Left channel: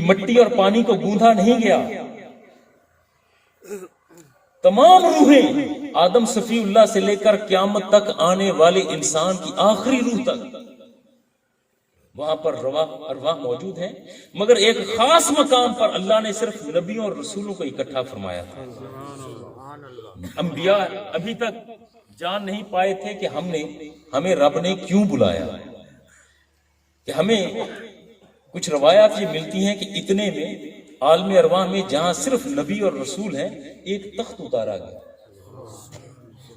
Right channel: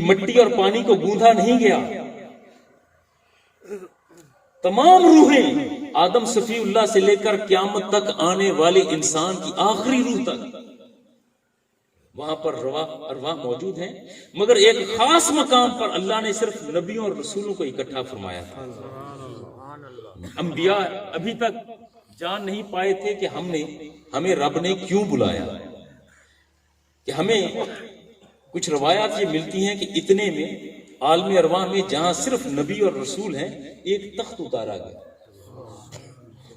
مٹی اور پانی کو گوندھا نہیں گیا. تمام روحیں آدم صفی اللہ سے لے کر قیامت تک آنے والے انسان کی آخری روح تک وہاں پر ارواح موجود ہیں، مگر ایک خاص مقام پر اللہ نے صرف نبیوں اور رسولوں کو اکٹھا فرمایا تھا. انبیاء ابھی تک جان نہیں پائے تھے کہ ہمیں رب نے کیوں بلایا. کہ ہمیں کچھ روایات یہ ملتی ہیں کہ اتنے میں عالم ارواح میں جہاں صرف نبی اور رسول ہیں ایک تخت اتارا گیا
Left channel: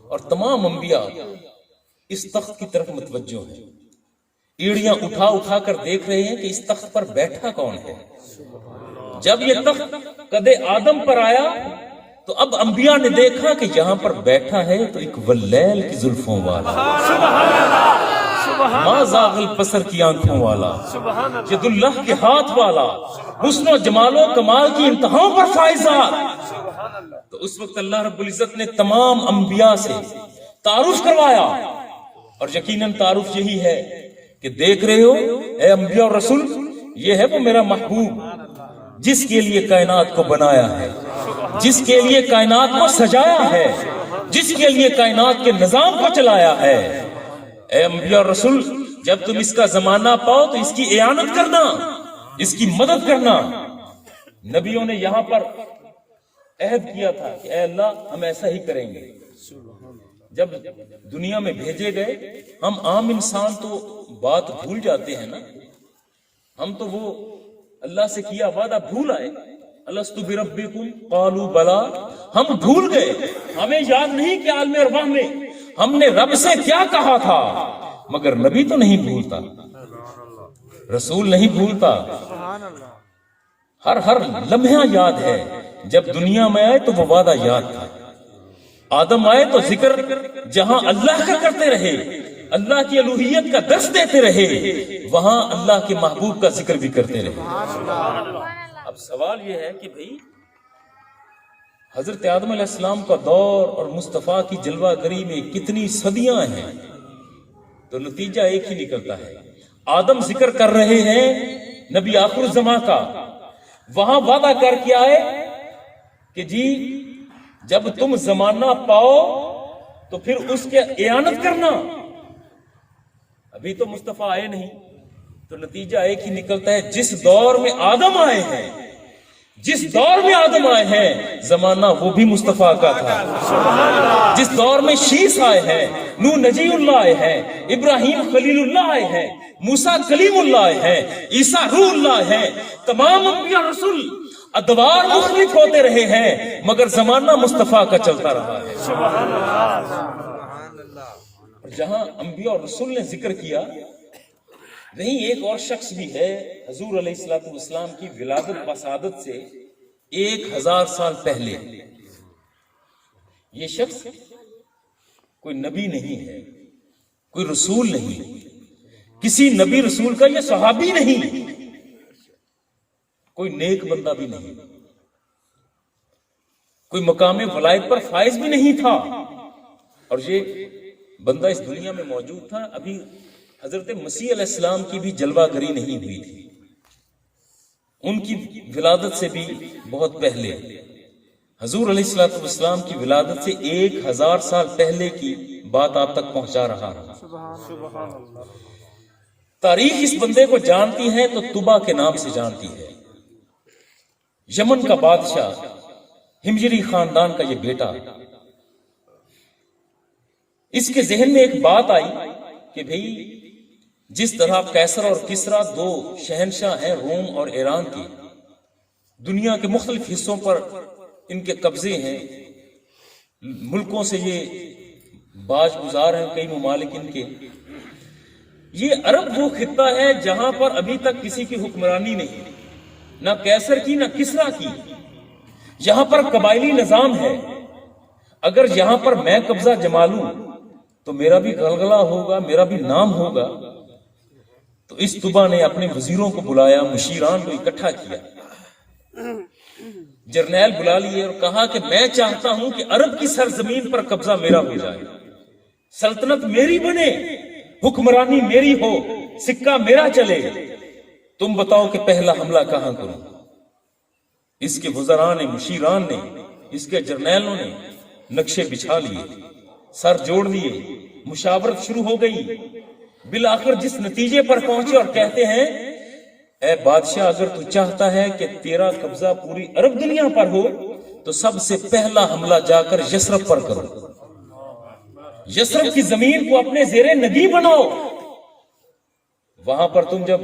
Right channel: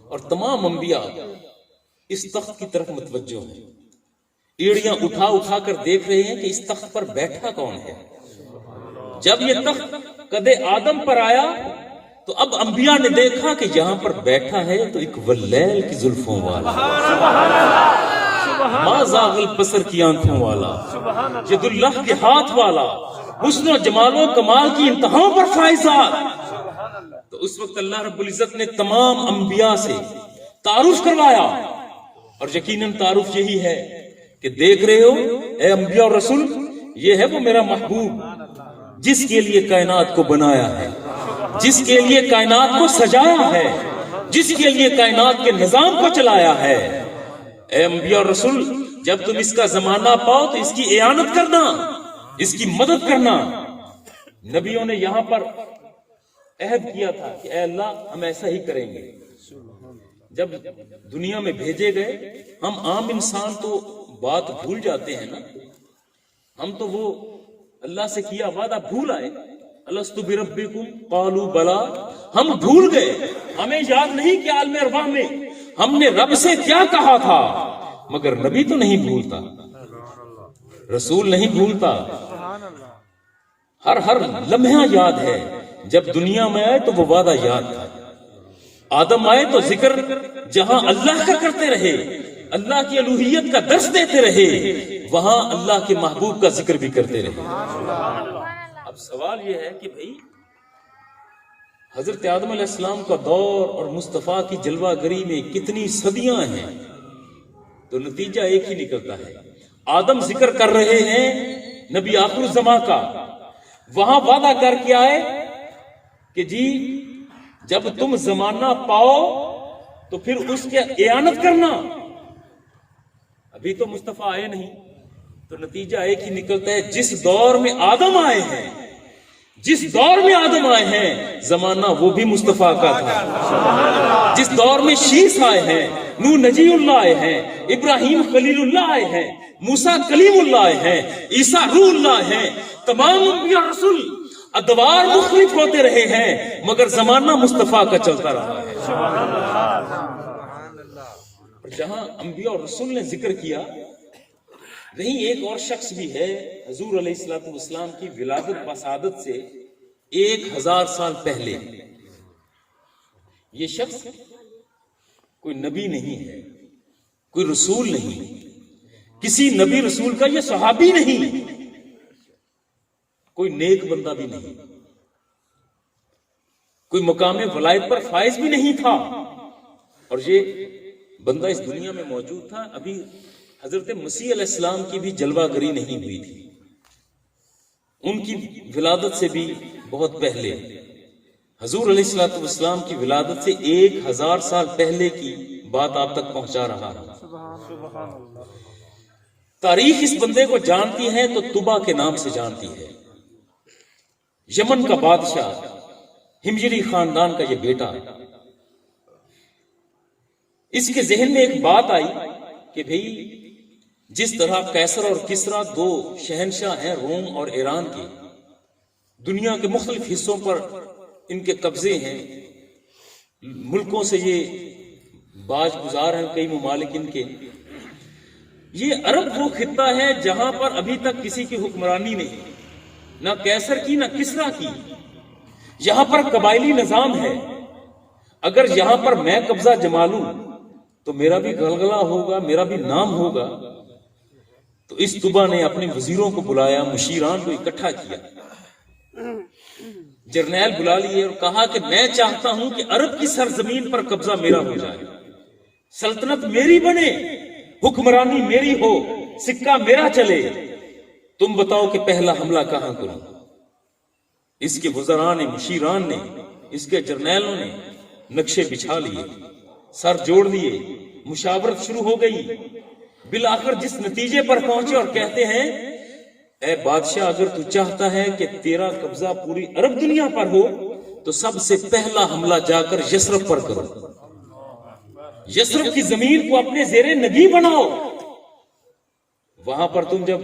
اور تمام انبیاء اس تخت کی طرف متوجہ ہیں. ایڑیاں اٹھا اٹھا کر دیکھ رہے ہیں کہ اس تخت پر بیٹھا کون ہے. جب یہ تخت قد آدم پر آیا تو اب انبیاء نے دیکھا کہ یہاں پر بیٹھا ہے تو ایک واللیل کی زلفوں والا، ما زاغ البصر کی آنکھوں والا، ید اللہ کے ہاتھ والا، حسن و جمال و کمال کی انتہاؤں پر فائزات. تو اس وقت اللہ رب العزت نے تمام انبیاء سے تعارف کروایا، اور یقیناً تعارف یہی ہے کہ دیکھ رہے ہو اے انبیاء اور رسول، یہ ہے وہ میرا محبوب جس کے لیے کائنات کو بنایا ہے، جس کے لیے کائنات کو سجایا ہے، جس کے لیے کائنات کے نظام کو چلایا ہے. اے انبیاء اور رسول، جب تم اس کا زمانہ پاؤ تو اس کی اعانت کرنا، اس کی مدد کرنا. نبیوں نے یہاں پر عہد کیا تھا کہ اے اللہ ہم ایسا ہی کریں گے. جب دنیا میں بھیجے گئے، ہم عام انسان تو بات بھول جاتے ہیں نا. ہم تو وہ اللہ سے کیا وعدہ بھول آئے. الستو بربکم قالوا بلا، ہم بھول گئے. ہمیں یاد نہیں کہ عالم ارواح میں ہم نے رب سے کیا کہا تھا. مگر نبی تو نہیں بھولتا، رسول نہیں بھولتا، ہر لمحہ یاد ہے. جب دنیا میں آئے تو وہ وعدہ یاد تھا. آدم آئے تو ذکر جہاں اللہ کا کرتے رہے، اللہ کی الوہیت کا درس دیتے رہے، وہاں اللہ کے محبوب کا ذکر بھی کرتے رہے. اب سوال یہ ہے کہ بھئی حضرت آدم علیہ السلام کا دور اور مصطفیٰ کی جلوہ گری میں کتنی صدیاں ہیں، تو نتیجہ ایک ہی نکلتا ہے. آدم ذکر کر رہے ہیں نبی آخر الزمان کا، وہاں وعدہ کر کے آئے کہ جی جب تم زمانہ پاؤ تو پھر اس کے اعانت کرنا. ابھی تو مصطفیٰ آئے نہیں، تو نتیجہ ایک ہی نکلتا ہے جس دور میں آدم آئے ہیں، جس دور میں آدم آئے ہیں زمانہ وہ بھی مصطفیٰ کا تھا. جس دور میں شیس آئے ہیں، نوح نجی اللہ آئے ہیں، ابراہیم خلیل اللہ آئے ہیں، موسیٰ کلیم اللہ آئے ہیں، عیسیٰ روح اللہ آئے ہیں، تمام انبیاء رسول ادوار مختلف ہوتے رہے ہیں مگر زمانہ مصطفیٰ کا چلتا رہا ہے. جہاں انبیاء اور رسول نے ذکر کیا، وہیں ایک اور شخص بھی ہے حضور علیہ الصلوۃ والسلام کی ولادت وسادت سے 1000 سال پہلے. یہ شخص کوئی نبی نہیں ہے، کوئی رسول نہیں، کسی نبی رسول کا یہ صحابی نہیں، کوئی نیک بندہ بھی نہیں، کوئی مقام ولایت پر فائز بھی نہیں تھا. اور یہ بندہ اس دنیا میں موجود تھا، ابھی حضرت مسیح علیہ السلام کی بھی جلوہ گری نہیں ہوئی تھی. ان کی ولادت سے بھی بہت پہلے، حضور علیہ الصلوۃ والسلام کی ولادت سے 1000 سال پہلے کی بات آپ تک پہنچا رہا ہوں. تاریخ اس بندے کو جانتی ہے تو طبا کے نام سے جانتی ہے. یمن کا بادشاہ، ہمجری خاندان کا یہ بیٹا. اس کے ذہن میں ایک بات آئی کہ بھئی جس طرح قیصر اور کسریٰ 2 شہنشاہ ہیں روم اور ایران کی، دنیا کے مختلف حصوں پر ان کے قبضے ہیں، ملکوں سے یہ باج گزار ہیں کئی ممالک ان کے. یہ عرب وہ خطہ ہے جہاں پر ابھی تک کسی کی حکمرانی نہیں، نہ قیصر کی نہ کسریٰ کی. یہاں پر قبائلی نظام ہے. اگر یہاں پر میں قبضہ جما لوں تو میرا بھی غلغلہ ہوگا، میرا بھی نام ہوگا. تو اس طبا نے اپنے وزیروں کو بلایا، مشیران کو اکٹھا کیا، جرنیل بلا لیے اور کہا کہ میں چاہتا ہوں کہ عرب کی سرزمین پر قبضہ میرا ہو جائے، سلطنت میری بنے، حکمرانی میری ہو، سکہ میرا چلے. تم بتاؤ کہ پہلا حملہ کہاں کروں؟ اس کے وزراء نے، مشیران نے، اس کے جرنیلوں نے نقشے بچھا لیے، سر جوڑ لیے، مشاورت شروع ہو گئی۔ بالآخر جس نتیجے پر پہنچے اور کہتے ہیں اے بادشاہ، اگر تو چاہتا ہے کہ تیرا قبضہ پوری عرب دنیا پر ہو تو سب سے پہلا حملہ جا کر یثرب پر کرو، یثرب کی زمین کو اپنے زیر نگی بناؤ۔ وہاں پر تم جب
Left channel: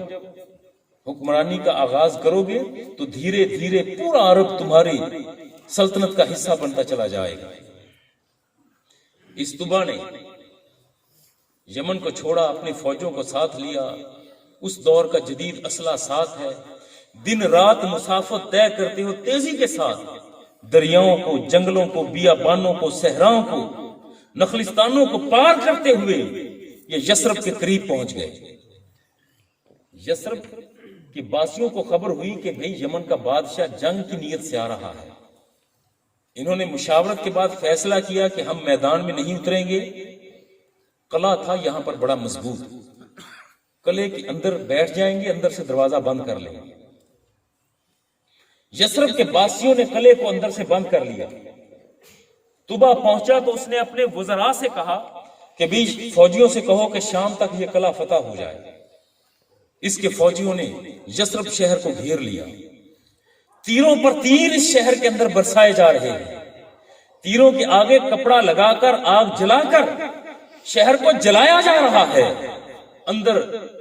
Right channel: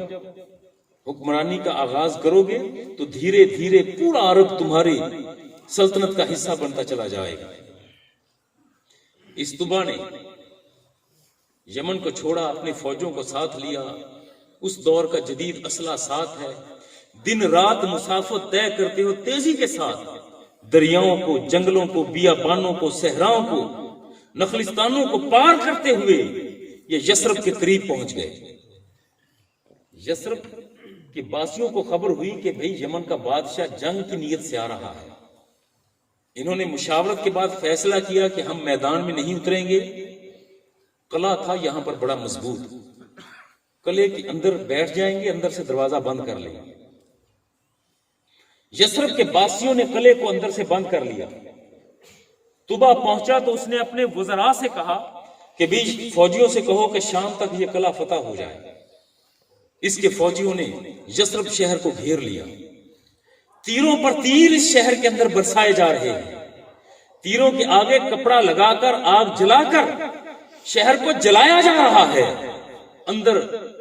حکمرانی کا آغاز کرو گے تو دھیرے دھیرے پورا عرب تمہاری سلطنت کا حصہ بنتا چلا جائے گا۔ اس طبع نے یمن کو چھوڑا، اپنی فوجوں کو ساتھ لیا۔ اس دور کا جدید اسلحہ ساتھ ہے، دن رات مسافت طے کرتے ہو تیزی کے ساتھ، دریاؤں کو، جنگلوں کو، بیابانوں کو، صحراؤں کو، نخلستانوں کو پار کرتے ہوئے یہ یثرب کے قریب پہنچ گئے۔ یثرب کے باسیوں کو خبر ہوئی کہ بھئی یمن کا بادشاہ جنگ کی نیت سے آ رہا ہے۔ انہوں نے مشاورت کے بعد فیصلہ کیا کہ ہم میدان میں نہیں اتریں گے۔ قلعہ تھا یہاں پر بڑا مضبوط، قلعے کے اندر بیٹھ جائیں گے، اندر سے دروازہ بند کر لیں گے۔ یثرب کے باسیوں نے قلعے کو اندر سے بند کر لیا۔ طبع پہنچا تو اس نے اپنے وزراء سے کہا کہ بھی فوجیوں سے کہو کہ شام تک یہ قلعہ فتح ہو جائے۔ اس کے فوجیوں نے یثرب شہر کو گھیر لیا۔ تیروں پر تیر اس شہر کے اندر برسائے جا رہے ہیں، تیروں کے آگے کپڑا لگا کر، آگ جلا کر شہر کو جلایا جا رہا ہے۔ اندر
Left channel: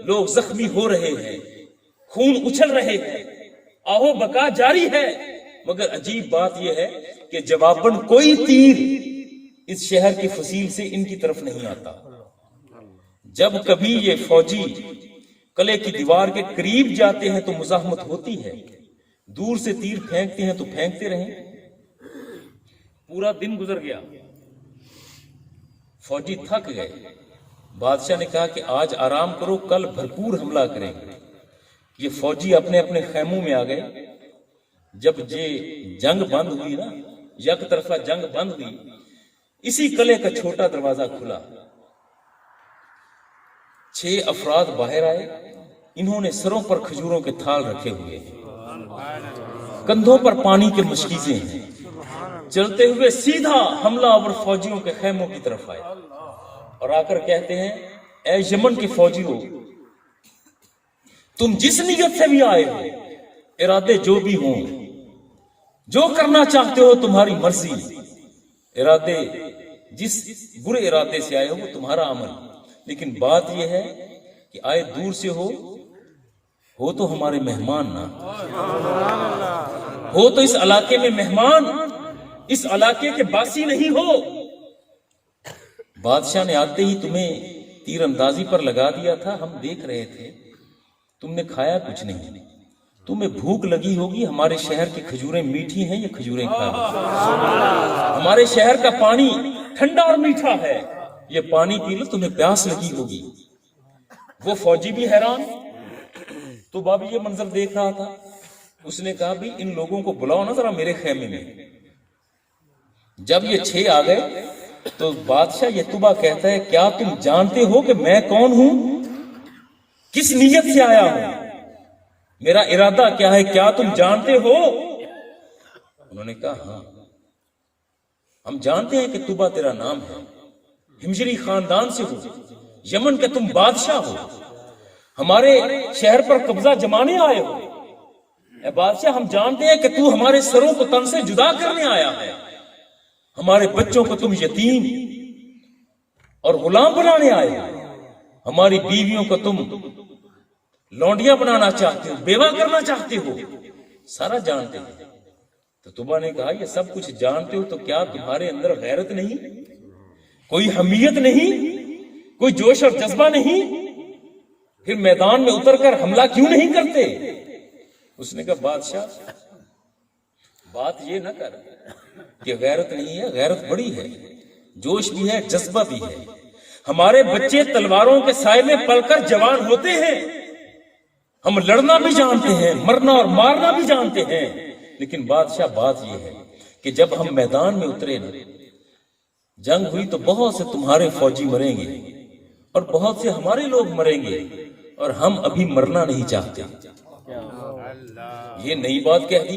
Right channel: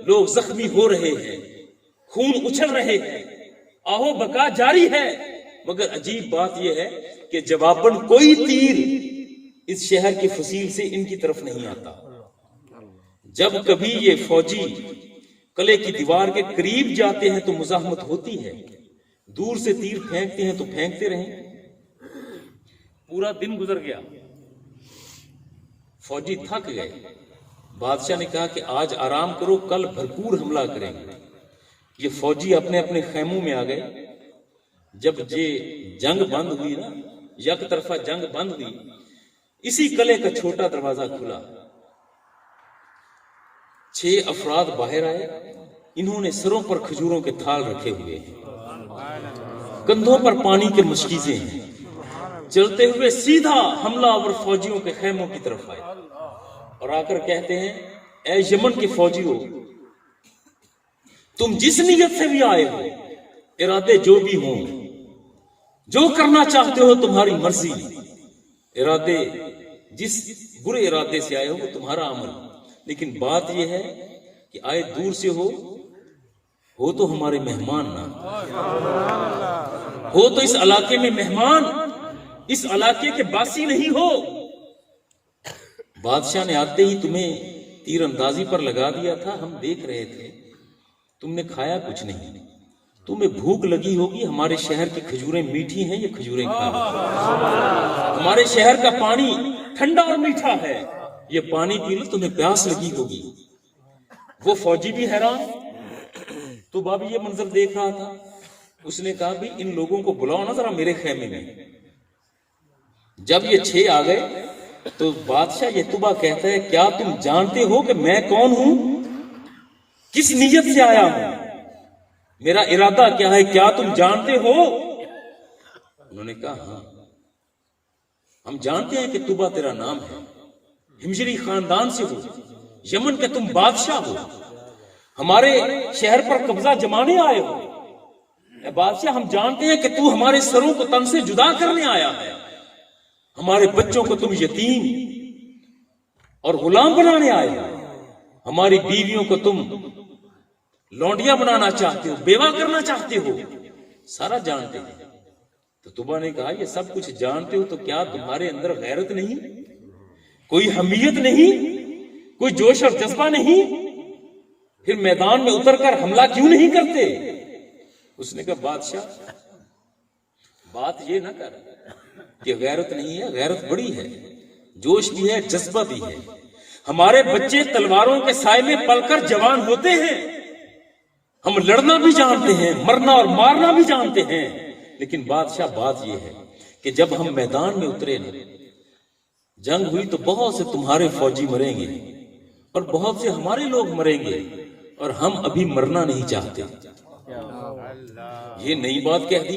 لوگ زخمی ہو رہے ہیں، خون اچھل رہے ہیں، آہو بکا جاری ہے۔ مگر عجیب بات یہ ہے کہ جواباً کوئی تیر اس شہر کی فصیل سے ان کی طرف نہیں آتا۔ جب کبھی یہ فوجی قلعے کی دیوار کے قریب جاتے ہیں تو مزاحمت ہوتی ہے، دور سے تیر پھینکتے ہیں تو پھینکتے رہیں۔ پورا دن گزر گیا، فوجی تھک گئے۔ بادشاہ نے کہا کہ آج آرام کرو، کل بھرپور حملہ کریں گے۔ یہ فوجی اپنے اپنے خیموں میں آ گئے۔ جب یہ جنگ بند ہوئی نا، یک طرفہ جنگ بند ہوئی، اسی قلعے کا چھوٹا دروازہ کھلا، 6 افراد باہر آئے۔ انہوں نے سروں پر کھجوروں کے تھال رکھے ہوئے ہیں، کندھوں پر پانی کے مشکیزیں ہیں، چلتے ہوئے سیدھا حملہ آور فوجیوں کے خیموں کی طرف آئے اور آ کر کہتے ہیں اے یمن کے فوجیوں، تم جس نیت سے بھی آئے ہو، ارادے جو بھی ہوں، جو کرنا چاہتے ہو تمہاری مرضی، ارادے جس برے ارادے سے آئے ہو وہ تمہارا عمل، لیکن بات یہ ہے کہ آئے دور سے ہو تو ہمارے مہمان نہ ہو، تو اس علاقے میں مہمان، اس علاقے کے باسی نہیں ہو۔ بادشاہ نے آتے ہی تمہیں تیر اندازی پر لگا دیا تھا، ہم دیکھ رہے تھے، تم نے کھایا کچھ نہیں، تمہیں بھوک لگی ہوگی، ہمارے شہر کی کھجوریں میٹھی ہیں، یہ کھجوریں کھا لو، ہمارے شہر کا پانی ٹھنڈا اور میٹھا ہے، یہ پانی پی لو، تمہیں پیاس لگی ہوگی۔ وہ فوجی بھی حیران، تو بابی یہ منظر دیکھ رہا تھا، اس نے کہا بھی ان لوگوں کو بلاؤ نا ذرا میرے خیمے میں۔ جب یہ 6 آ گئے تو بادشاہ یہ طبع کہتا ہے کیا تم جانتے ہو کہ میں کون ہوں، کس نیت سے آیا ہوں، میرا ارادہ کیا ہے، کیا تم جانتے ہو؟ انہوں نے کہا ہاں ہم جانتے ہیں کہ طبع تیرا نام ہے، ہمجری خاندان سے ہو، یمن کے تم بادشاہ ہو، ہمارے شہر پر قبضہ جمانے آئے ہو۔ اے بادشاہ ہم جانتے ہیں کہ تو ہمارے سروں کو تن سے جدا کرنے آیا ہے، ہمارے بچوں کو تم یتیم اور غلام بنانے آئے ہو، ہماری بیویوں کو تم لونڈیاں بنانا چاہتے ہو، بیوہ کرنا چاہتے ہو، سارا جانتے ہیں۔ تو طبع نے کہا یہ سب کچھ جانتے ہو تو کیا تمہارے اندر غیرت نہیں، کوئی حمیت نہیں، کوئی جوش اور جذبہ نہیں، پھر میدان میں اتر کر حملہ کیوں نہیں کرتے؟ اس نے کہا بادشاہ بات یہ نہ کر کہ غیرت نہیں ہے، غیرت بڑی ہے، جوش بھی ہے، جذبہ بھی ہے، ہمارے بچے تلواروں کے سائے میں پل کر جوان ہوتے ہیں، ہم لڑنا بھی جانتے ہیں، مرنا اور مارنا بھی جانتے ہیں، لیکن بادشاہ بات یہ ہے کہ جب ہم میدان میں اترے نا، جنگ ہوئی تو بہت سے تمہارے فوجی مریں گے اور بہت سے ہمارے لوگ مریں گے اور ہم ابھی مرنا نہیں چاہتے۔ یہ نئی بات کہہ دی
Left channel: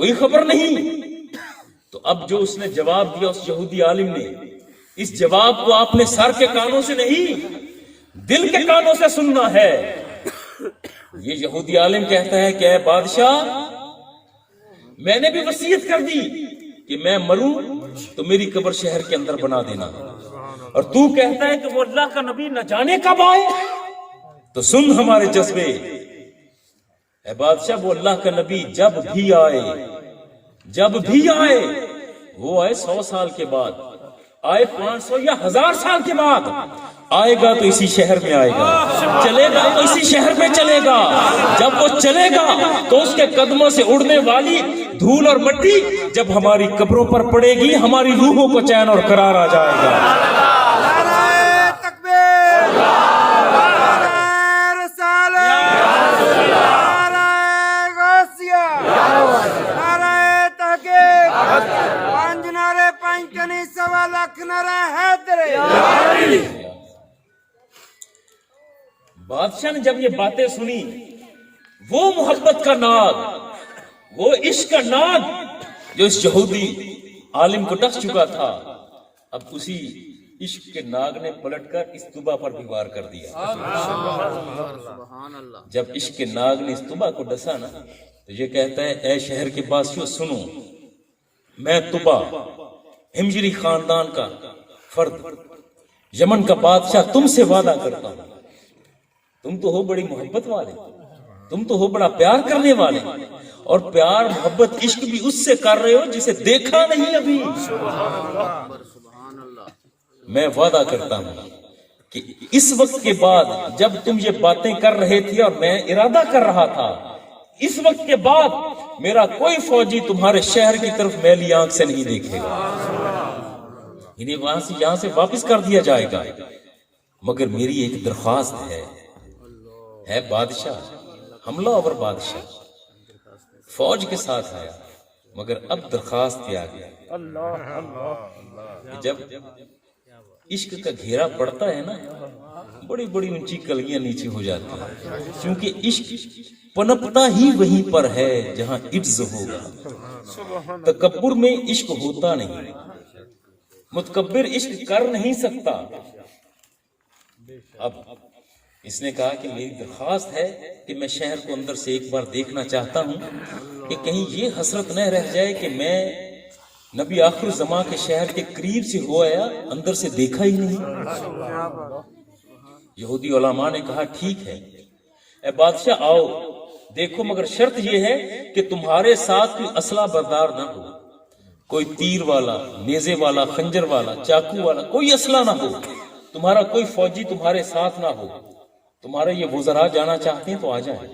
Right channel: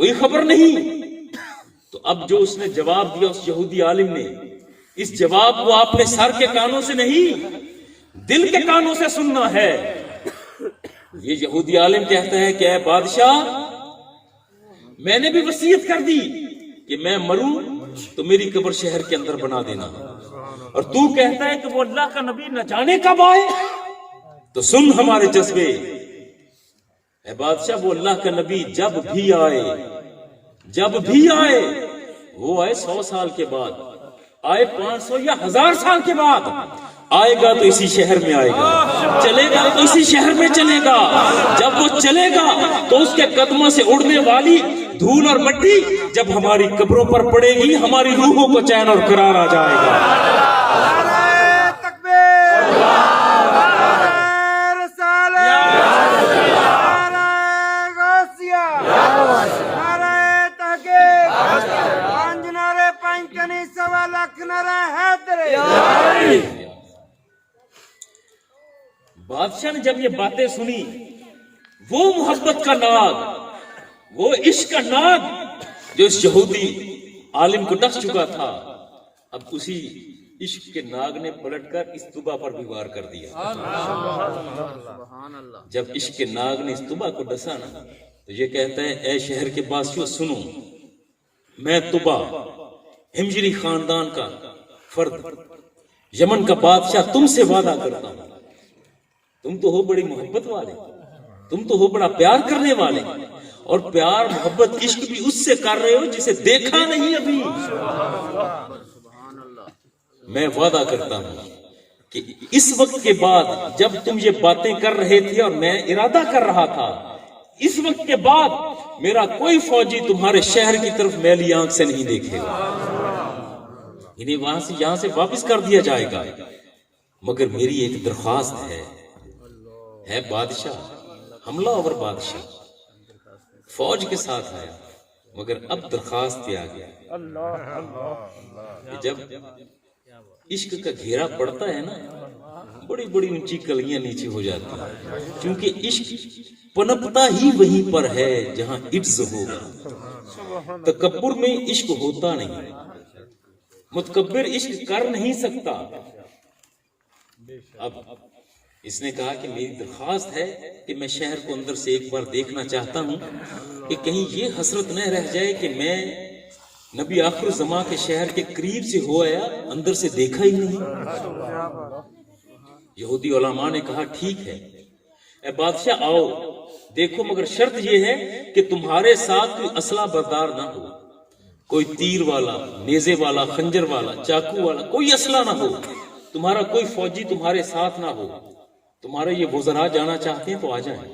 کوئی خبر نہیں. تو اب جو اس نے جواب دیا اس یہودی عالم نے، اس جواب کو آپ نے سر کے کانوں سے نہیں دل کے کانوں سے سننا ہے. یہ یہودی عالم کہتا ہے کہ اے بادشاہ، میں نے بھی وصیت کر دی کہ میں مروں تو میری قبر شہر کے اندر بنا دینا، اور تو کہتا ہے کہ وہ اللہ کا نبی نہ جانے کب آئے. تو سن ہمارے جذبے، اے بادشاہ، وہ اللہ کا نبی جب بھی آئے وہ آئے 100 سال کے بعد، آئے 500 یا 1000 سال کے بعد، آئے گا تو اسی شہر میں آئے گا، چلے گا تو اسی شہر میں چلے گا. جب وہ چلے گا تو اس کے قدموں سے اڑنے والی دھول اور مٹی جب ہماری قبروں پر پڑے گی، ہماری روحوں کو چین اور قرار آ جائے گا. بادشاہ نے جب یہ باتیں سنی، وہ محبت کا ناگ، وہ عشق کا ناگ جو اس یہودی عالم کو ڈس چکا تھا، اب اسی عشق کے ناگ نے پلٹ کر اس طبا پر بھی وار کر دیا. جب عشق کے ناگ نے اس طبا کو ڈسا نا، تو یہ کہتا ہے اے شہر کے باسیوں سنو، میں طبا ہمجری خاندان کا فرد، یمن کا بادشاہ تم سے وعدہ کرتا ہوں، تم تو ہو بڑی محبت والے، تم تو ہو بڑا پیار کرنے والے، اور پیار محبت عشق بھی اس سے کر رہے ہو جسے دیکھا نہیں ابھی. میں وعدہ کرتا ہوں کہ اس وقت کے بعد جب تم یہ باتیں کر رہے تھے اور میں ارادہ کر رہا تھا، اس وقت کے بعد میرا کوئی فوجی تمہارے شہر کی طرف میلی آنکھ سے نہیں دیکھے گا. انہیں وہاں سے یہاں سے واپس کر دیا جائے گا، مگر میری ایک درخواست ہے بادشاہ. حملہ آور بادشاہ فوج کے ساتھ آیا، مگر اب درخواست کیا گیا کہ جب عشق کا گھیرا پڑتا ہے نا، بڑی بڑی اونچی کلیاں نیچے ہو جاتی ہیں، کیونکہ عشق پنپتا ہی وہیں پر ہے جہاں عجز ہوگا. تکبر میں عشق ہوتا نہیں، متکبر عشق کر نہیں سکتا. اب اس نے کہا کہ میری درخواست ہے کہ میں شہر کو اندر سے ایک بار دیکھنا چاہتا ہوں کہ کہیں یہ حسرت نہ رہ جائے کہ میں نبی آخر الزمان کے شہر کے قریب سے ہو آیا، اندر سے دیکھا ہی نہیں. یہودی علماء نے کہا ٹھیک ہے اے بادشاہ آؤ دیکھو، مگر شرط یہ ہے کہ تمہارے ساتھ کوئی اسلحہ بردار نہ ہو، کوئی تیر والا، نیزے والا، خنجر والا، چاقو والا کوئی اسلحہ نہ ہو، تمہارا کوئی فوجی تمہارے ساتھ نہ ہو. تمہارے یہ وزراء جانا چاہتے ہیں تو آ جائیں،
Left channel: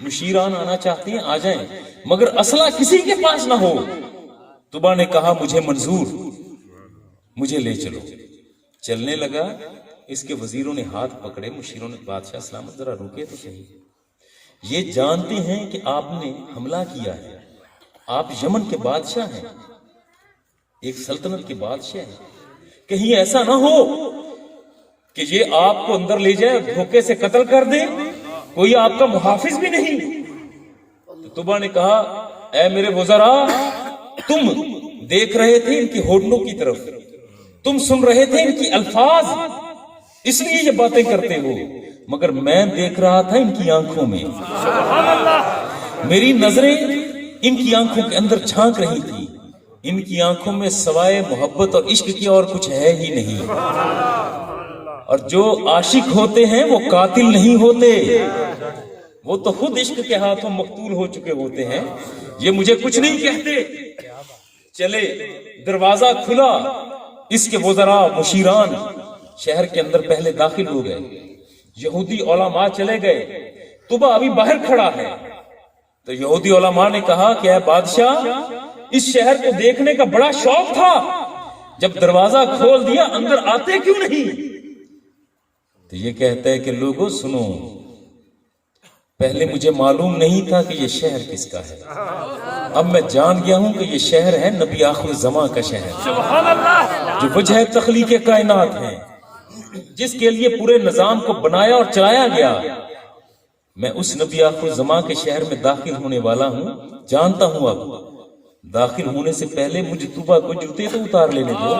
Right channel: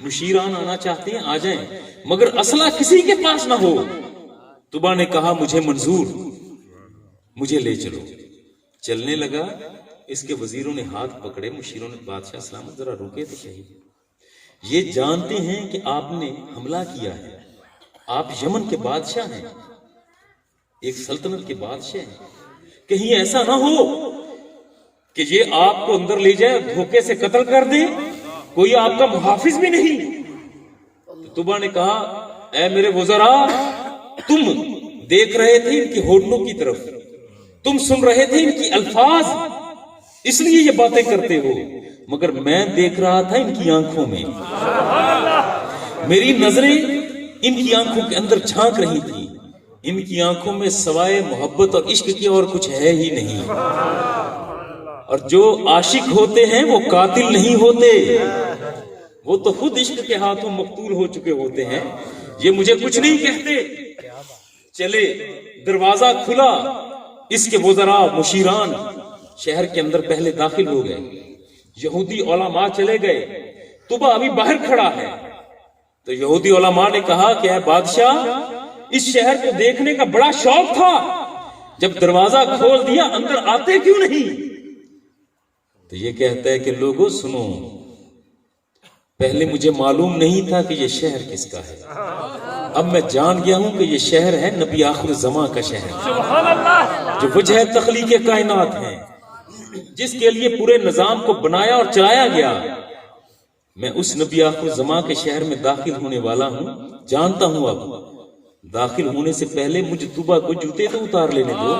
مشیران آنا چاہتے ہیں آ جائیں، مگر اسلحہ کسی کے پاس نہ ہو. طبا نے کہا مجھے منظور، مجھے لے چلو. چلنے لگا، اس کے وزیروں نے ہاتھ پکڑے، مشیروں نے بادشاہ سلامت ذرا رکے تو صحیح، یہ جانتے ہیں کہ آپ نے حملہ کیا ہے، آپ یمن کے بادشاہ ہیں، ایک سلطنت کے بادشاہ ہیں، کہیں ایسا نہ ہو کہ یہ آپ کو اندر لے جائے، دھوکے سے قتل کر دے، کوئی آپ کا محافظ بھی نہیں. طبا نے کہا اے میرے وزراء، تم دیکھ رہے تھے ان کی ہونٹوں کی طرف، تم سن رہے تھے ان کی الفاظ، اس لیے یہ باتیں کرتے ہو، مگر میں دیکھ رہا تھا ان کی آنکھوں میں، میری نظریں ان کی آنکھوں کے اندر جھانک رہی تھی، ان کی آنکھوں میں سوائے محبت اور عشق کی اور کچھ ہے ہی نہیں. اور جو عاشق ہوتے ہیں وہ قاتل نہیں ہوتے، وہ تو خود عشق کے ہاتھوں مقتول ہو چکے ہوتے ہیں. یہ مجھے کچھ نہیں کہتے. چلے، دروازہ کھلا، اس کے وزراء مشیران شہر کے اندر پہلے داخل ہو گئے، یہودی علماء چلے گئے، طبا ابھی باہر کھڑا ہے. تو یہودی علماء نے کہا کہ اے بادشاہ، اس شہر کو دیکھنے کا بڑا شوق تھا، جب دروازہ کھول دیا اندر آتے کیوں نہیں؟ تو یہ کہتا ہے کہ لوگوں سنو، پہلے مجھے معلوم نہیں تھا کہ یہ شہر کس کا ہے، اب میں جان گیا ہوں کہ یہ شہر ہے نبی آخر الزمان کا شہر، جو وجہ تخلیق کائنات ہے، جس کے لیے پورے نظام کو بنایا اور چلایا گیا. میں اس نبی آخر الزمان کے شہر میں داخل ہونے والا ہوں، جانتا ہوں اب داخل ہونے سے پہلے مجتبہ کو جوتے تو اتار لینے دو.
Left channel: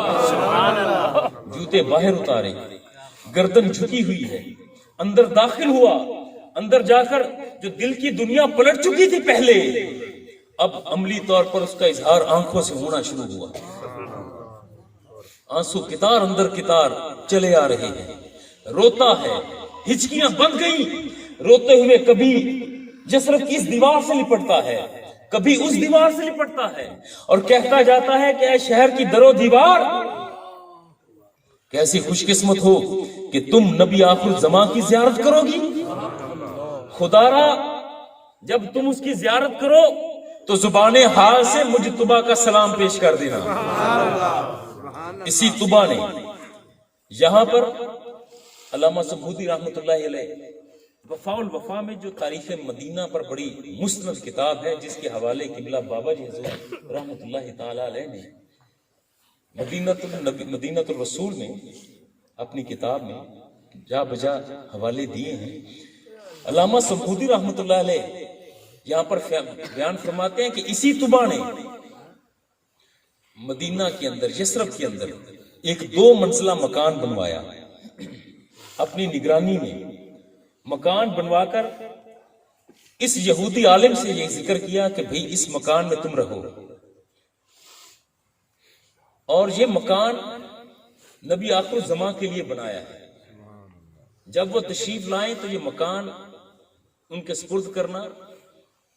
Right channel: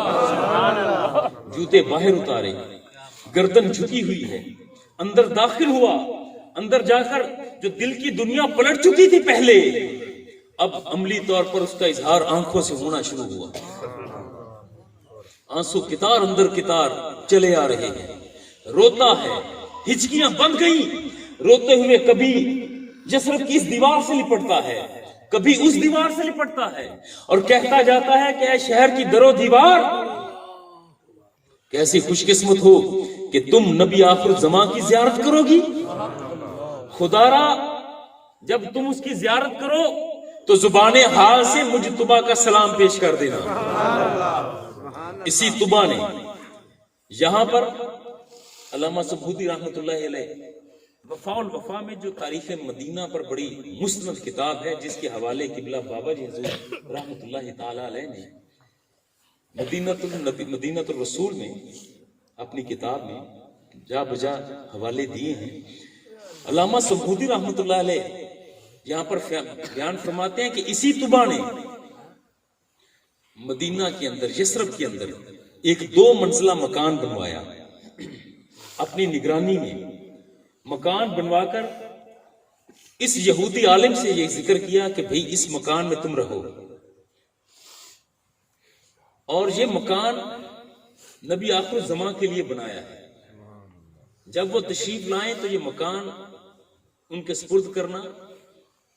جوتے باہر اتارے, گردن جھکی ہوئی ہے, اندر داخل ہوا, اندر جا کر جو دل کی دنیا پلٹ چکی تھی پہلے, اب عملی طور پر اس کا اظہار آنکھوں سے ہونا شروع ہوا. آنسو کتار اندر کتار چلے آ رہے ہیں, روتا ہے, ہچکیاں بند گئیں. روتے ہوئے کبھی جسرت کی اس دیوار سے لپٹتا ہے, کبھی اس دیوار سے لپٹتا ہے, اور کہتا جاتا ہے کہ اے شہر کی درو دیوار, کیسی خوش قسمت ہو کہ تم نبی آخر الزمان کی زیارت کرو گی. خدا را جب تم اس کی زیارت کرو تو زبان حال سے مجتبہ کا سلام پیش کر دینا. اسی طبا نے یہاں پر علامہ سبھودی رحمۃ اللہ علیہ وفاء الوفا میں جو تاریخ مدینہ پر بڑی مستند کتاب ہے, جس کے حوالے قبلہ بابا جی حضور رحمۃ اللہ تعالی علیہ نے مدینہ الرسول میں اپنی کتاب میں جا بجا حوالے دیے ہیں. علامہ سبھودی رحمۃ اللہ علیہ یہاں پر بیان فرماتے ہیں کہ اسی طبا نے مدینہ کے اندر, یثرب کے اندر ایک 2 منزلہ مکان بنوایا. اپنی نگرانی میں مکان بنوا کر اس یہودی عالم سے یہ ذکر کیا کہ بھئی اس مکان میں تم رہو, اور یہ مکان نبی آخر الزمان کے لیے بنایا ہے. جب وہ تشریف لائیں تو یہ مکان ان کے سپرد کرنا,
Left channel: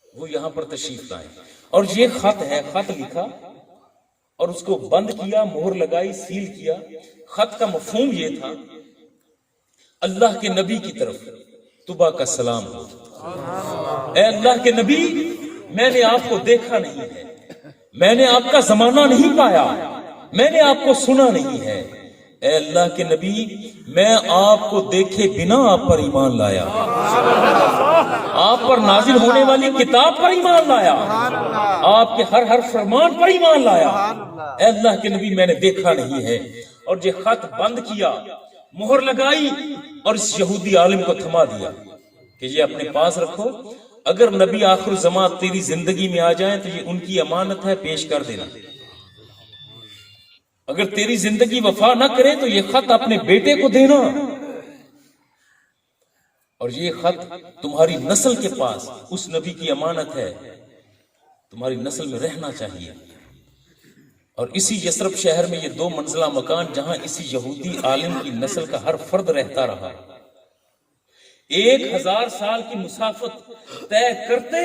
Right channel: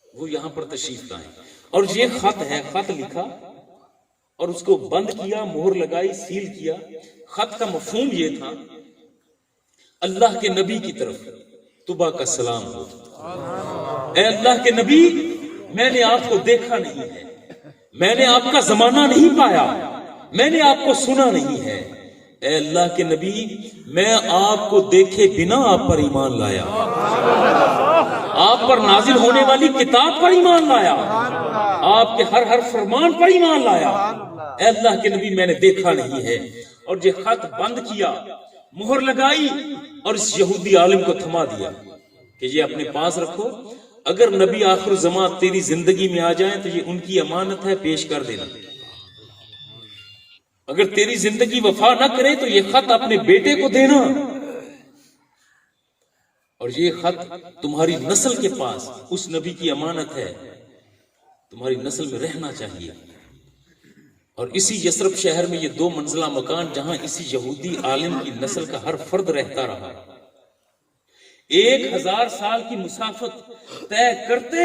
وہ یہاں پر تشریف لائیں. اور یہ خط ہے, خط لکھا اور اس کو بند کیا, مہر لگائی, سیل کیا. خط کا مفہوم یہ تھا, اللہ کے نبی کی طرف طبا کا سلام ہو. اے اللہ کے نبی, میں نے آپ کو دیکھا نہیں ہے, میں نے آپ کا زمانہ نہیں پایا, میں نے آپ کو سنا نہیں ہے. اے اللہ کے نبی, میں آپ کو دیکھے بنا آپ پر ایمان لایا, آپ پر نازل ہونے والی کتاب پر ایمان لایا, آپ کے ہر فرمان پر ایمان لایا. اے اللہ کے نبی, میں نے دیکھا نہیں ہے. اور یہ خط بند کیا, مہر لگائی, اور اس یہودی عالم کو تھما دیا کہ یہ اپنے پاس رکھو, اگر نبی آخر الزمان تیری زندگی میں آ جائیں تو یہ ان کی امانت ہے, پیش کر دینا. اگر تیری زندگی وفا نہ کرے تو یہ خط اپنے بیٹے کو دینا, اور یہ خط تمہاری نسل کے پاس اس نبی کی امانت ہے, تمہاری نسل میں رہنا چاہیے. اور اسی یثرب شہر میں یہ 2 منزلہ مکان, جہاں اسی یہودی عالم کی نسل کا ہر فرد رہتا رہا, 1000 سال کی مسافت طے کرتے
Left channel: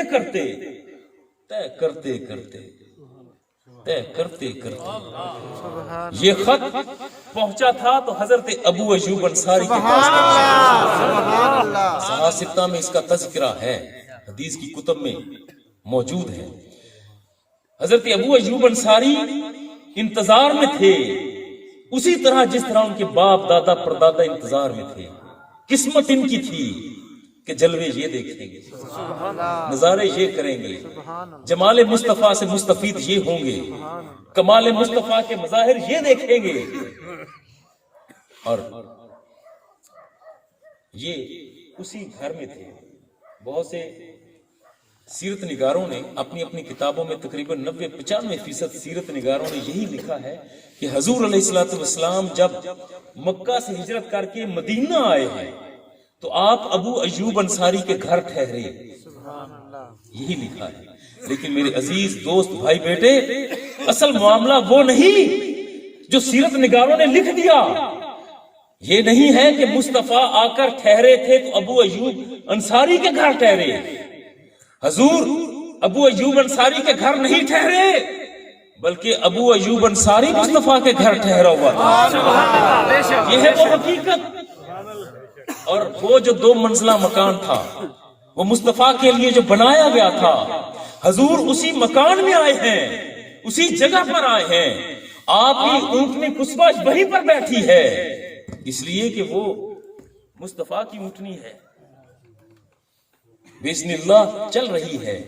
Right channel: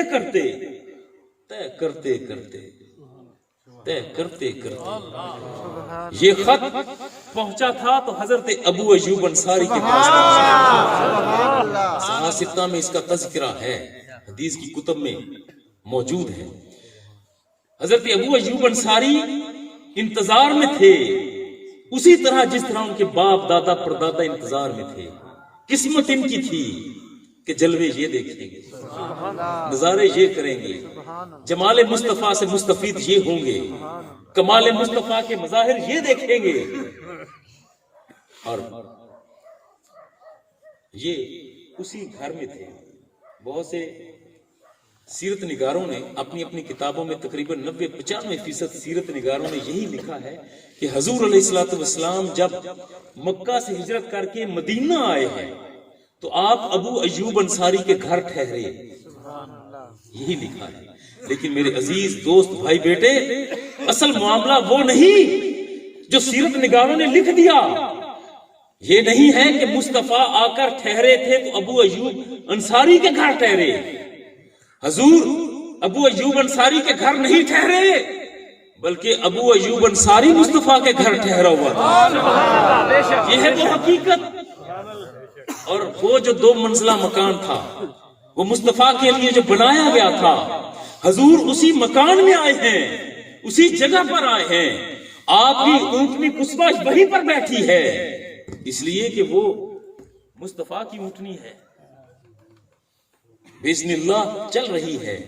یہ خط پہنچا تھا تو حضرت ابو ایوب انصاری کے پاس صحاح میں اس کا تذکرہ ہے, حدیث کی کتب میں موجود ہے. حضرت ابو ایوب انصاری انتظار میں تھے, اسی طرح جس طرح ان کے باپ دادا پردادا انتظار میں تھے. قسمت ان کی تھی کہ جلوے یہ دیکھیں گے, نظارے یہ کریں گے, جمال مصطفیٰ سے مستفید یہ ہوں گے, کمال مصطفیٰ کے مظاہر یہ دیکھیں گے. اور یہ اسی گھر میں تھے. بہت سے سیرت نگاروں نے اپنی کتابوں میں تقریباً 90-95% سیرت نگاروں نے یہی لکھا ہے کہ حضور علیہ الصلوۃ والسلام جب مکہ سے ہجرت کر کے مدینہ آئے ہیں تو آپ ابو ایوب انصاری کے گھر ٹھہرے, یہی لکھا ہے. لیکن میرے عزیز دوست بھائی بیٹے, اصل معاملہ وہ نہیں جو سیرت نگاروں نے لکھ دیا. یہ نہیں ہے کہ مصطفیٰ آ کر ٹھہرے تھے تو ابو ایوب انصاری کے گھر ٹھہرے. حضور ابو ایوب انصاری کے گھر نہیں ٹھہرے, بلکہ ابو ایوب انصاری مصطفیٰ کے گھر ٹھہرا ہوا تھا. یہ ہے وہ حقیقت. اور وہ جو 2 منزلہ مکان تھا, وہ مصطفیٰ کے لیے جو بنایا گیا تھا, حضور اسی مکان میں آئے ہیں, اسی جگہ پر آئے ہیں. آپ کی اونٹنی کسبہ وہیں پر بیٹھی ہے, اس لیے کہ وہ مصطفیٰ کی اونٹنی ہے, بسم اللہ چل رہی ہے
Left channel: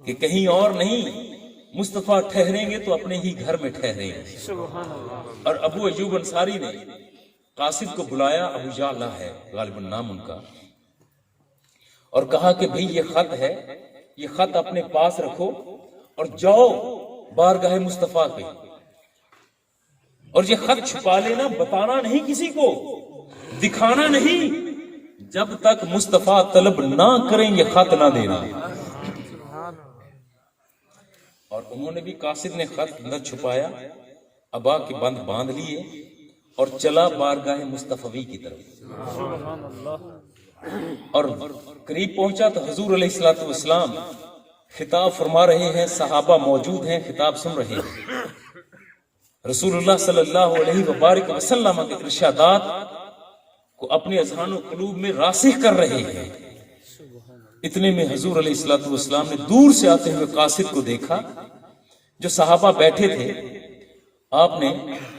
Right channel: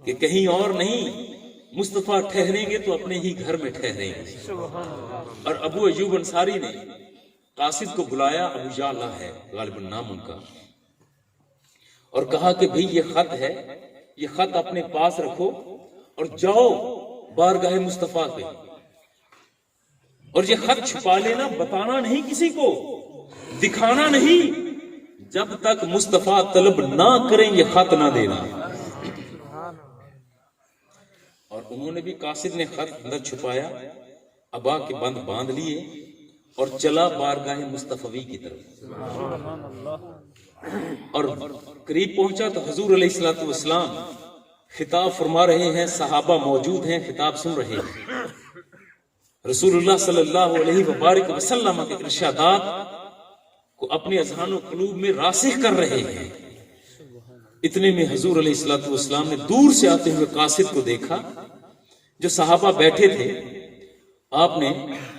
کہ کہیں اور نہیں. مصطفیٰ ٹھہریں گے تو اپنے ہی گھر میں ٹھہریں گے. اور ابو ایوب انصاری نے قاصد کو بلایا, ابو جعلہ ہے غالباً نام ان کا, اور کہا کہ بھئی یہ خط ہے, یہ خط اپنے پاس رکھو اور جاؤ بارگاہ مصطفیٰ کے، اور یہ خط چھپا لینا، بتانا نہیں کسی کو، دکھانا نہیں، جب تک مصطفیٰ طلب نہ کریں یہ خط نہ دینا۔ اور انہوں نے بھی، قاصد نے خط اندر چھپایا، ابا کے بند باندھ لیے اور چلا بارگاہ مصطفی کی طرف، اور قریب پہنچا تو حضور علیہ الصلوۃ والسلام خطاب فرما رہے ہیں، صحابہ موجود ہیں، خطاب سن رہے ہیں، رسول اللہ صلی اللہ علیہ وبارک وسلم کے ارشادات کو اپنے اذہان و قلوب میں راسخ کر رہے ہیں۔ اتنے میں حضور علیہ الصلوۃ والسلام نے دور سے آتے ہوئے قاصد کو دیکھا، جو صحابہ بیٹھے تھے۔ آپ نے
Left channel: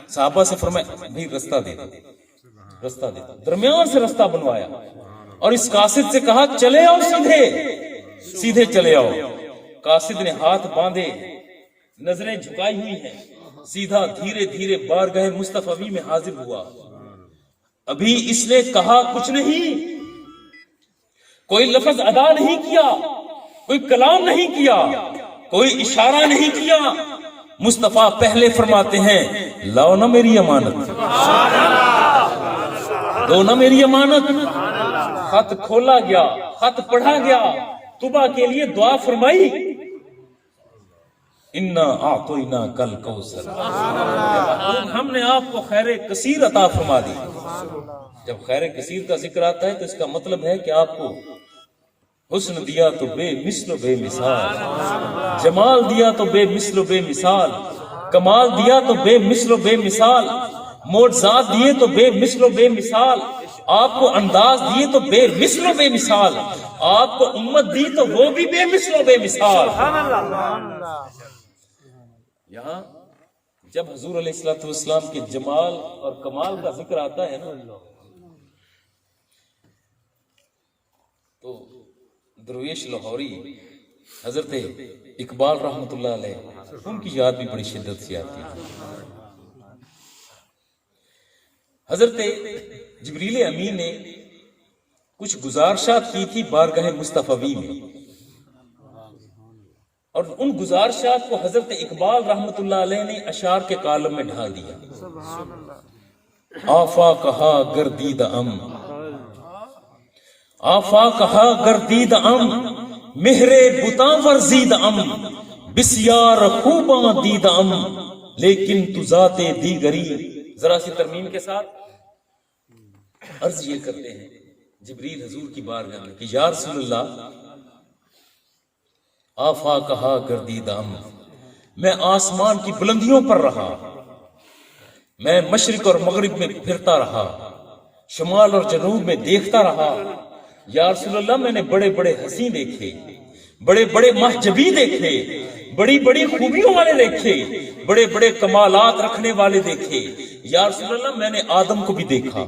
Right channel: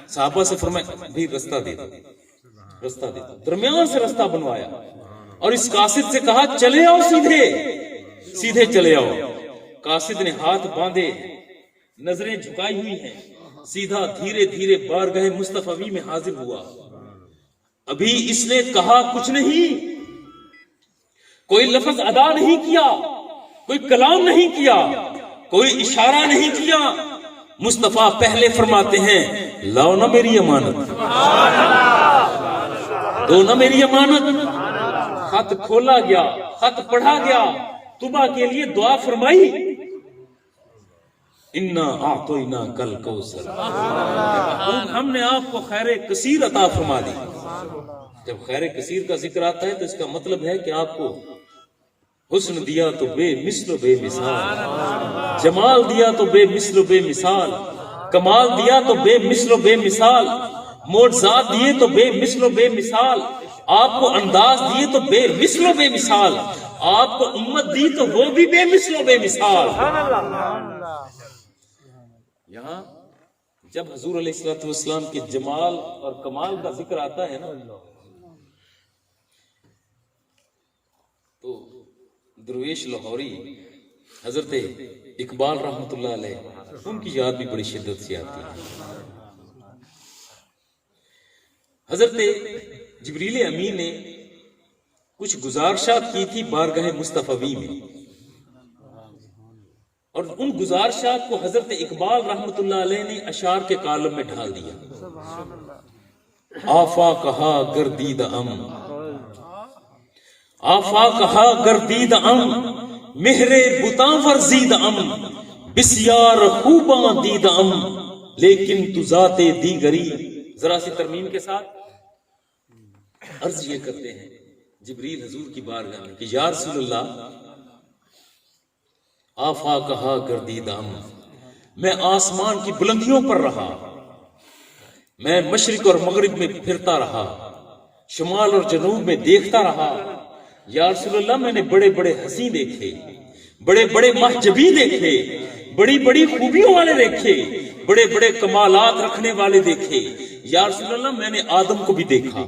صحابہ سے فرمایا بھی رستہ دے دو، رستہ دے دو، درمیان سے رستہ بنوایا، اور اس قاصد سے کہا چلے آؤ، سیدھے سیدھے چلے آؤ۔ قاصد نے ہاتھ باندھے، نظریں جھکائی ہوئی ہیں، سیدھا دھیرے دھیرے بارگاہ مصطفی میں حاضر ہوا۔ ابھی اس نے کہا کچھ نہیں، کوئی لفظ ادا نہیں کیا، کوئی کلام نہیں کیا، کوئی اشارہ نہیں کیا۔ مصطفیٰ پہلے فرماتے ہیں لاؤ نا میری امانت، دو نا میری امانت۔ خط کھولا گیا، خط پڑھا گیا، طبع کے لیے دعا فرمائی، انا اعطینا کل کوثر، ہم نے آپ کو خیر کثیر عطا فرما دی۔ جب خیر کثیر کا ذکر آتا ہے تو اس کا مطلب ہے کہ آپ کو حسن دیا تو بے مثل و بے مثال، جمال دیا تو بے مثل و بے مثال، کمال دیا تو بے مثل و بے مثال، معجزات دیے تو بے مثل و بے مثال، آپ کو انداز دیے تو بے مثل و بے مثال، آپ کو امت دی تو وہ بھی بے مثل و بے مثال۔ یہاں جب حضور علیہ الصلوۃ والسلام کے جمال اور کمال کا ذکر آتا ہے نا، تو درویش لاہوری حضرت اقبال رحمۃ اللہ علیہ، ان کی یاد بھی بڑی شدت سے آتی ہے۔ حضرت جبریل امین نے کچھ گزارشات کی تھی بارگاہ مصطفی میں، اور ان گزارشات کو حضرت اقبال رحمۃ اللہ علیہ نے اشعار کے کالم میں ڈھال دیا۔ آفا کہا گردید ام، آفا کہا گردید ام، مہر بتاں ورزید ام، بسیار خوباں دید ام، لیکن تو ذات دیگری۔ ذرا سی ترمیم کے ساتھ عرض یہ کرتے ہیں جبریل حضور کی بارگاہ میں کہ یا رسول اللہ، آفا کہا گردید ام، میں آسمان کی بلندیوں پر رہا، میں مشرق اور مغرب میں پھرتا رہا، شمال اور جنوب میں دیکھتا رہا۔ یا رسول اللہ، میں نے بڑے بڑے حسین دیکھے، بڑے بڑے محجبی دیکھے، بڑی بڑی خوبیوں والے دیکھے، بڑے بڑے کمالات رکھنے والے دیکھے۔ یا رسول اللہ، میں نے آدم کو بھی دیکھا،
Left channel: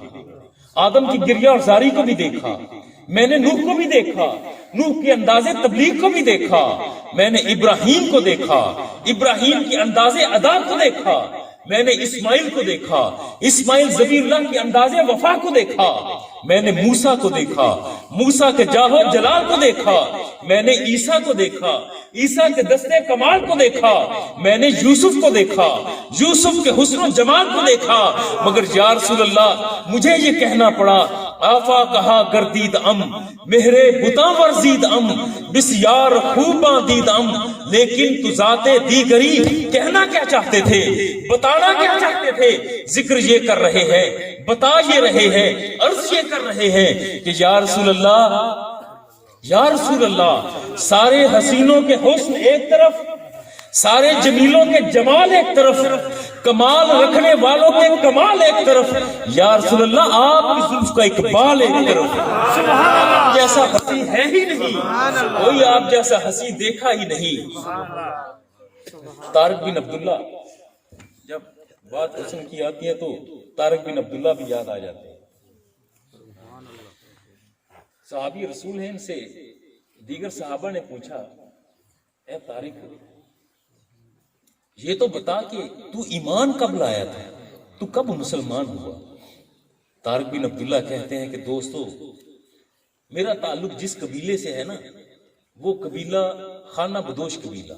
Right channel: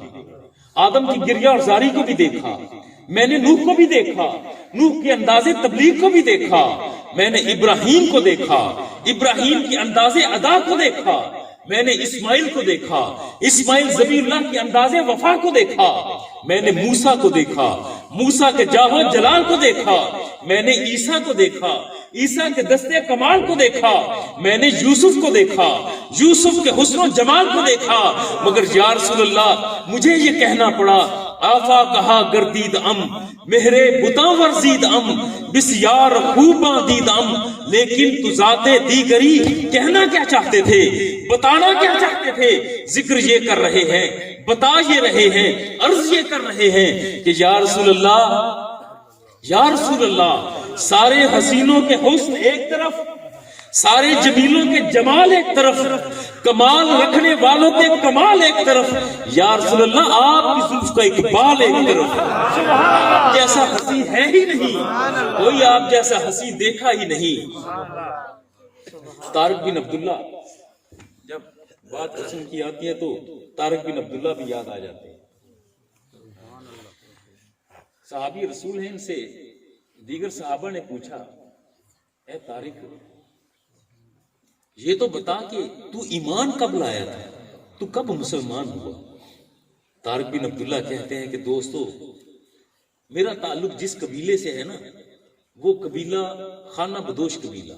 آدم کی گریہ اور زاری کو بھی دیکھا، میں نے نوح کو بھی دیکھا، نوح کے انداز تبلیغ کو بھی دیکھا، میں نے ابراہیم کو دیکھا، ابراہیم کی انداز ادا کو دیکھا، میں نے اسماعیل کو دیکھا، اسماعیل ذبیح اللہ کی انداز وفا کو دیکھا، میں نے موسیٰ کو دیکھا، موسیٰ کے جاہ و جلال کو دیکھا، میں نے عیسیٰ کو دیکھا، عیسیٰ کے دستے کمال کو دیکھا، میں نے یوسف کو دیکھا، یوسف کے حسن و جمال کو دیکھا، مگر یا رسول اللہ مجھے یہ کہنا پڑا آفا کہا گردید ام، مہرے بتاں ورزید ام، بسیار خوباں دید ام، لیکن تو ذات دیگری۔ کہنا کیا چاہتے تھے، بتانا کیا چاہتے تھے؟ ذکر یہ کر رہے ہیں، بتا یہ رہے ہیں، عرض یہ کر رہے ہیں کہ یا رسول اللہ، یا رسول اللہ، سارے حسینوں کے حسن ایک طرف، سارے جمیلوں کے جمال ایک طرف، کمال رکھنے والوں کے کمال ایک طرف، یا رسول اللہ آپ کی زلف کا اقبال ایک طرف۔ آپ جیسا حسین ہے ہی نہیں، کوئی آپ جیسا حسین دیکھا ہی نہیں۔ طارق بن عبداللہ، جب بات حسن کی آتی ہے تو طارق بن عبداللہ بھی یاد آ جاتے ہیں۔ صحابی رسول ہیں، ان سے دیگر صحابہ نے پوچھا اے طارق، یہ تو بتا کہ تو ایمان کب لایا تھا، تو کب مسلمان ہوا؟ طارق بن عبداللہ کہتے ہیں کہ دوستو، میرا تعلق جس قبیلے سے ہے نا، وہ قبیلہ خانہ بدوش قبیلہ،